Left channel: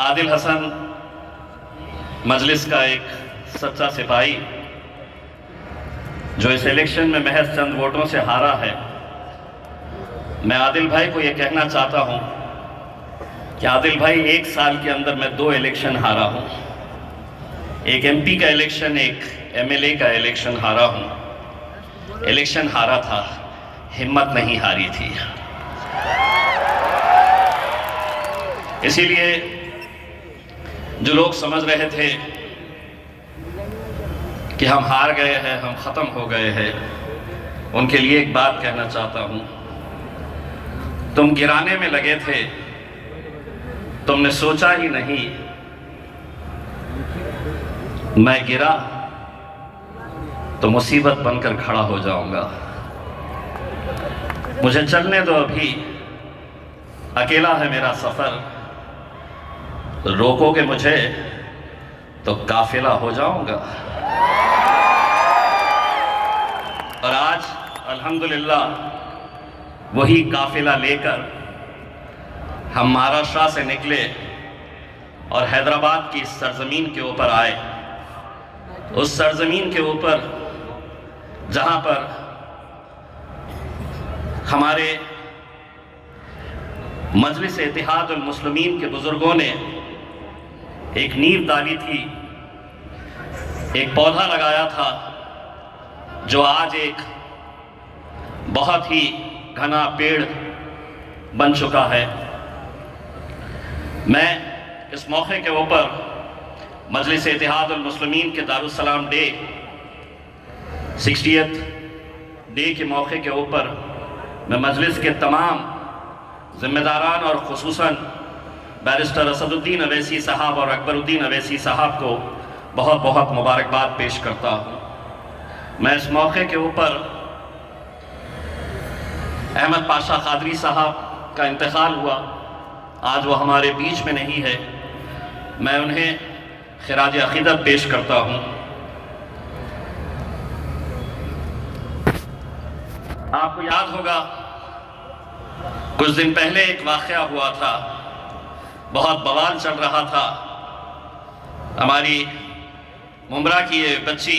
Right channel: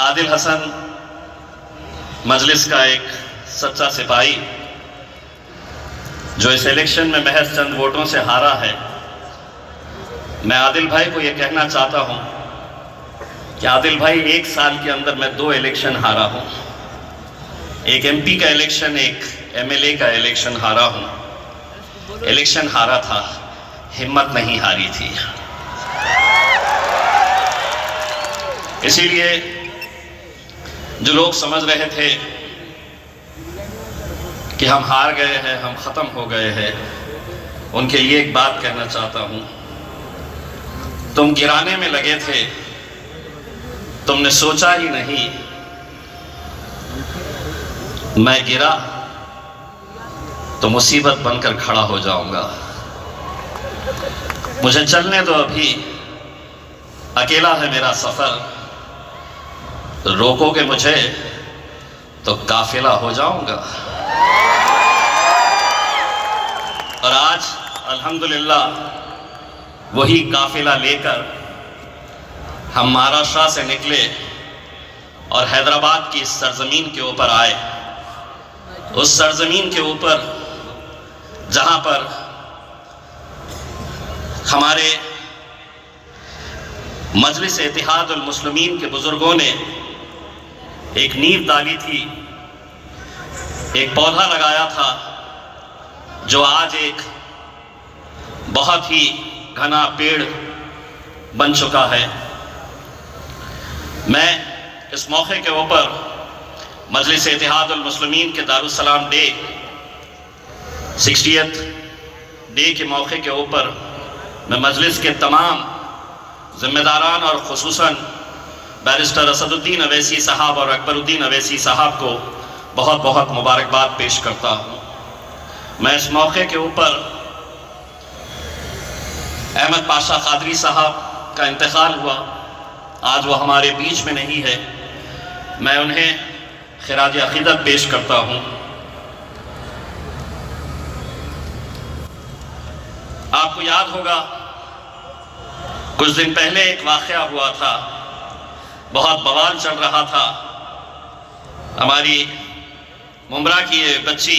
आदिल हसन मजलिस का एक सच्चा सिपाही जो इस इलेक्शन में महज चंद वोटों से हारा है। मैं आदिल भाई को यह कहना चाहता हूं कि आदिल भाई, 1 साल के अंदर मैं 2 इलेक्शन हारा हूं। एक एमपी का इलेक्शन, एक एमएलए का इलेक्शन हारा हूं। इलेक्शन हारा था, हिम्मत नहीं हारी थी। इसीलिए जो लोग समझ रहे थे कि हम हार गए हैं, हम ख़त्म हो गए हैं, उनके लिए एक बात कहना चाहता हूं। तुम गिराने में लगे थे, तुमने सोचा ही नहीं मैं गिरा तो मुसीबत बनकर खड़ा हो जाऊंगा। मुझे चलने दो, अभी अकेला है मेरा सफ़र। रोकोगे मुझे तो काफिला हो जाऊंगा। और आज अल्हम्दुलिल्लाह वही काफिला लेकर हम महाराष्ट्र से निकले और हैदराबाद की इस सरजमीन के ऊपर आए। उस सरजमीन के ऊपर जहां पर हमारे मजलिस इत्तेहाद उल मुस्लिमीन के बुजुर्गों ने एक नींव डाली थी, एक पौधा लगाया था जो आज एक बहुत ही घना पेड़ बन चुका है। मैं इस मौके के ऊपर मजलिस इत्तेहाद उल मुस्लिमीन के दारुस्सलाम डे 60th डे के मौके के ऊपर मैं मजलिस के तमाम जिम्मेदारान और खुसूसन बैरिस्टर असदुद्दीन अवैसी साहब और अकबरुद्दीन अवैसी साहब को बहुत बहुत मुबारकबाद पेश करता हूँ। मैं इस मौके के ऊपर अहमद पाशा कादरी साहब का इंतकाल हुआ, आज वो हमारे बीच में नहीं है, मैं उन्हें खिराज अकीदत पेश करता हूँ। आपको याद होगा कुछ दिन पहले एक वाक़या हुआ था, बहुत बवाल चल रहा था। हमारी मुमरा की ये बच्ची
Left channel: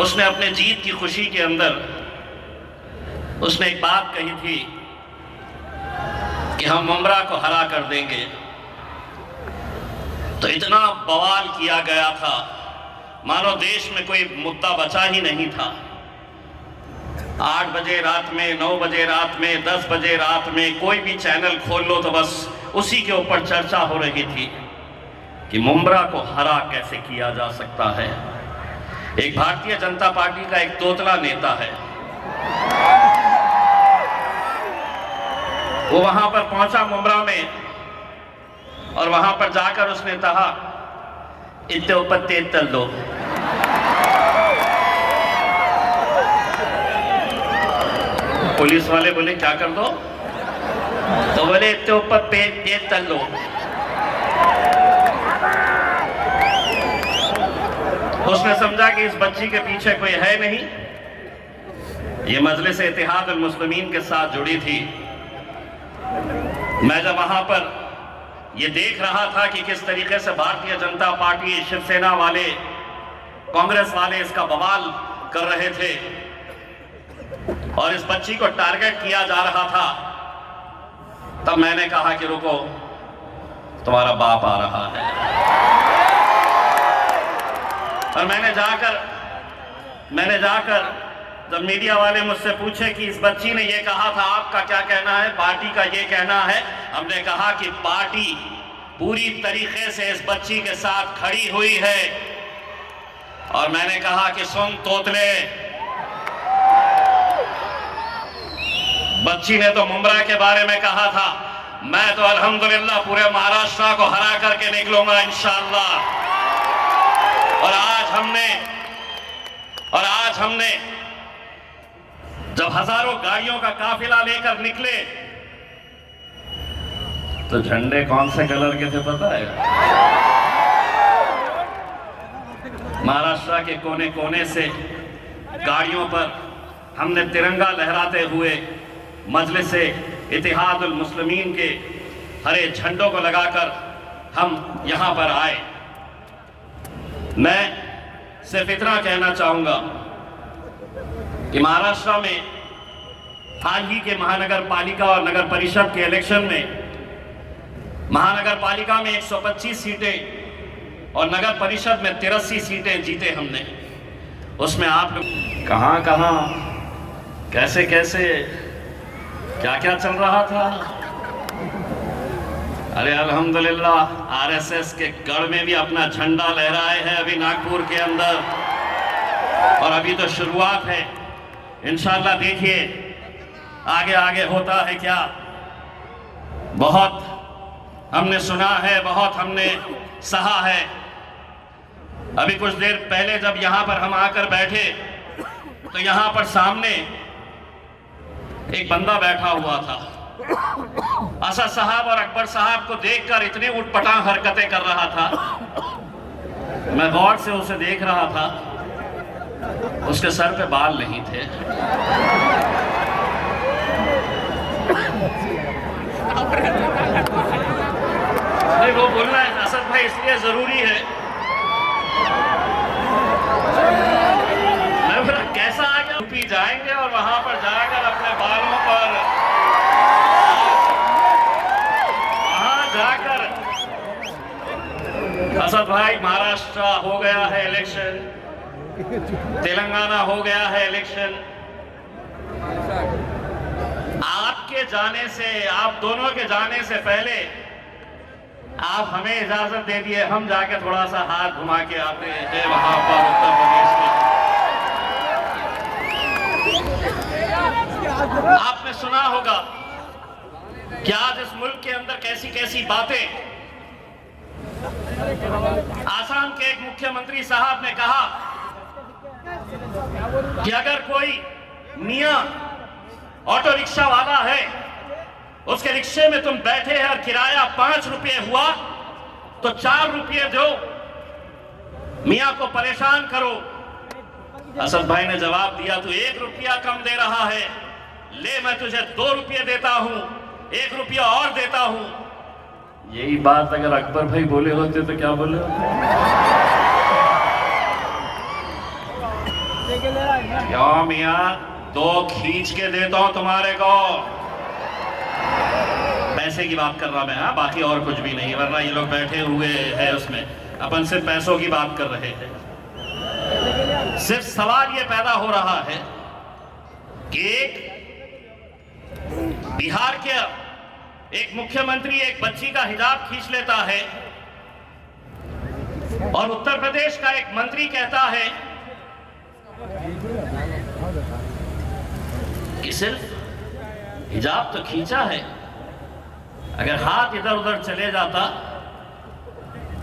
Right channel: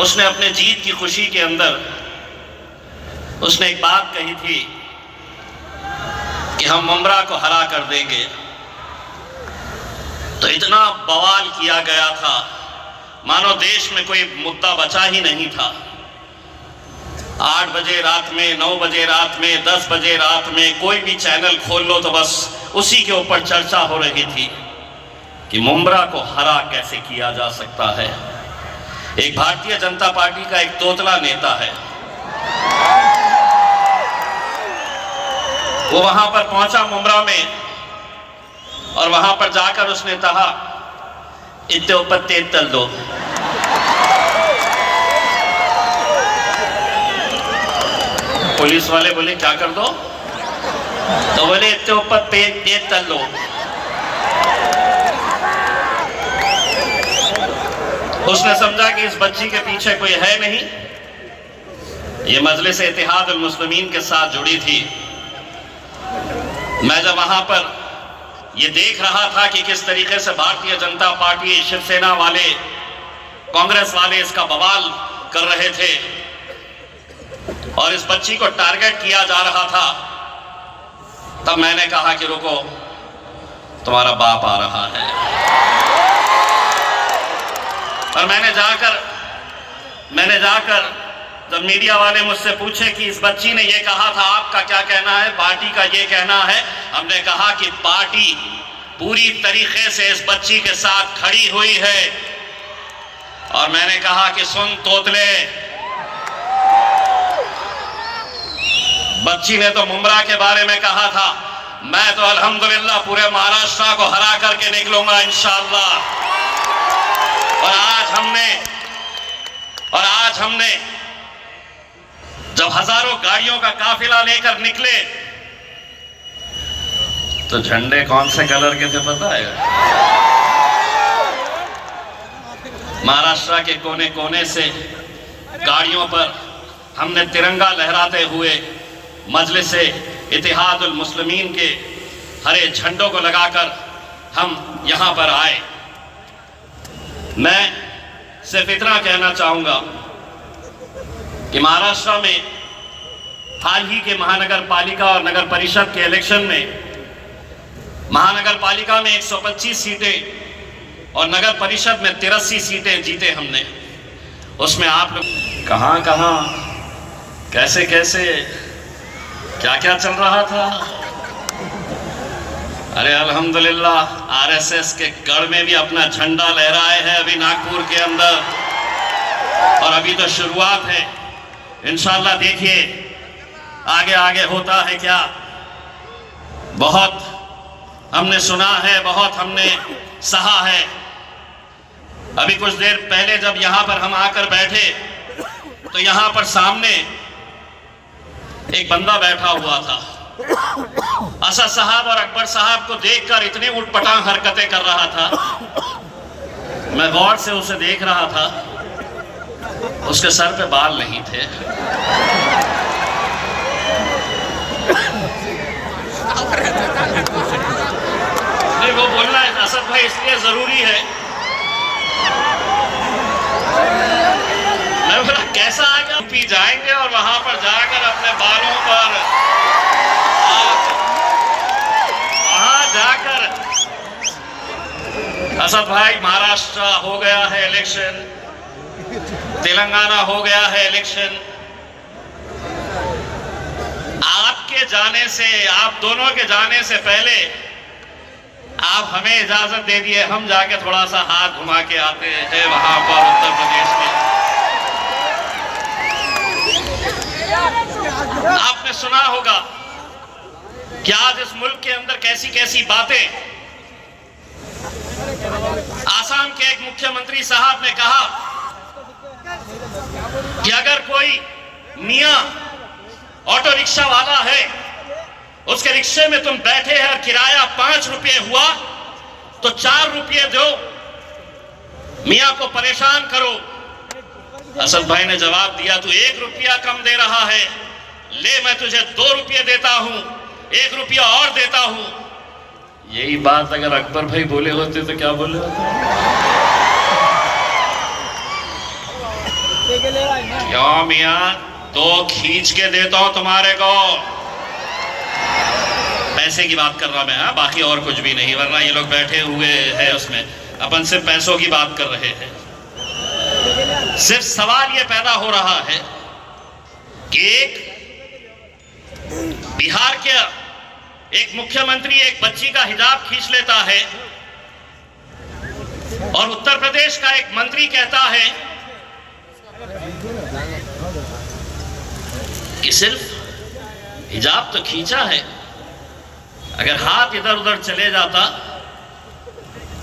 उसने अपने जीत की खुशी के अंदर उसने एक बात कही थी कि हम मुमरा को हरा कर देंगे। तो इतना बवाल किया गया था मानो देश में कोई मुद्दा बचा ही नहीं था। 8 बजे रात में, 9 बजे रात में, 10 बजे रात में कोई भी चैनल खोल लो तो बस उसी के ऊपर चर्चा हो रही थी कि मुमरा को हरा कैसे किया जा सकता है। एक भारतीय जनता पार्टी का एक तोतला नेता है, वो वहां पर पहुंचा मुमरा में और वहां पर जाकर उसने कहा इतने ऊपर तेज तल दो। पुलिस वाले बोले क्या कर दो? तो बोले इतने ऊपर तेज तल दो। उसने समझा कि इस बच्ची के पीछे कोई है नहीं, ये मजलिस इत्तेहाद उल मुस्लिमीन के साथ जुड़ी थी। मैं जब वहां पर ये देख रहा था कि किस तरीके से भारतीय जनता पार्टी, शिवसेना वाले, कांग्रेस वाले इसका बवाल कर रहे थे और इस बच्ची को टारगेट किया जा रहा था, तब मैंने कहा कि रुको, तुम्हारा बाप आ रहा है। और मैंने जाकर जब मीडिया वाले मुझसे पूछे कि इस बच्ची ने ये कहा था, आपका क्या कहना है, पार्टी का ये कहना है, हमने कहा कि पार्टी पूरी तरीके से इस बच्ची के साथ खड़ी हुई है। और मैंने कहा कि सुन तोतले, बच्ची ने तो मुमरा के बारे में कहा था, मैं तो अल्हम्दुलिल्लाह पूरे महाराष्ट्र को हरा करके निकलूंगा इंशाअल्लाह। और आज हमने जब हजारों गाड़ियों का काफिला लेकर निकले तो झंडे कौन से कलर के थे पता है? महाराष्ट्र के कोने कोने से गाड़ियों पर हमने तिरंगा लहराते हुए मजलिस इत्तेहादुल मुस्लिमीन के हरे झंडों को लगाकर हम यहाँ पर आए। मैं सिर्फ इतना कहना चाहूँगा कि महाराष्ट्र में हाल ही के महानगर पालिका और नगर परिषद के इलेक्शन में महानगर पालिका में 125 सीटें और नगर परिषद में 83 सीटें जीते हमने। उसमें आप लोग कहाँ कहाँ कैसे कैसे क्या क्या चल रहा था। अरे अल्हम्दुलिल्लाह आरएसएस के गढ़ में भी अपना झंडा लहराए है अभी नागपुर के अंदर, और अभी तो शुरुआत है। इंशाल्लाह देखिए आगे आगे होता है क्या। बहुत हमने सुना है, बहुत हमने सहा है। अभी कुछ देर पहले जब यहाँ पर हम आकर बैठे तो यहाँ पर सामने एक बंदा बैठा हुआ था। असद साहब और अकबर साहब को देखकर इतने उटपटांग हरकतें कर रहा था। मैं गौर से उसे देख रहा था, उसके सर पे बाल नहीं थे। नहीं, वो बोलना है असद भाई इसलिए जरूरी है। मैं बोला कैसा आ गया। पी जाएंगे और वहां पर जाकर अपने बालों पर वहां जाकर असद भाई महाराष्ट्र हो गया है इलेक्शन, तेलंगाना हो गया है इलेक्शन। आपके जाने से, आप दोनों के जाने से पहले आप हमें इजाजत दे दिए, हम जाके थोड़ा सा हाथ घुमा के आते हैं वहां पर उत्तर प्रदेश के। आपने सुना होगा कि आज इस मुल्क के अंदर कैसी कैसी बातें। आसाम के एक मुख्यमंत्री साहब ने कहा कि अगर कोई मियां ऑटो रिक्शा वाला है, उसके रिक्शे में तुम बैठे हैं और किराया 5 रुपये हुआ तो 4 रुपये दो, मियां को परेशान करो। असद भाई ने जवाब दिया, तू 1 रुपया कम दे रहा है, ले मैं तुझे 2 रुपये देता हूं, 1 रुपया और देता हूं। यही बात अगर अकबर भाई बोले होते तो क्या बोले होते? क्यों मियां, 2 खींच के देता हूं तुम्हारे को। पैसे की बात कर रहा मैं, हाँ, बाकी और कुछ भी नहीं, वरना ये लोग बैठे हुए हैं उसमें अपन सिर्फ पैसों की बात कर रहे हैं। सिर्फ सवाल ये पैदा हो रहा है कि एक बिहार के एक मुख्यमंत्री एक बच्ची का हिजाब खींच लेता है और उत्तर प्रदेश का एक मंत्री कहता है कि सिर्फ हिजाब तो खींचा है, अगर हाथ इधर उधर चले जाता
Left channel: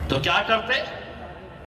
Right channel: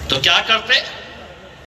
तो क्या करते?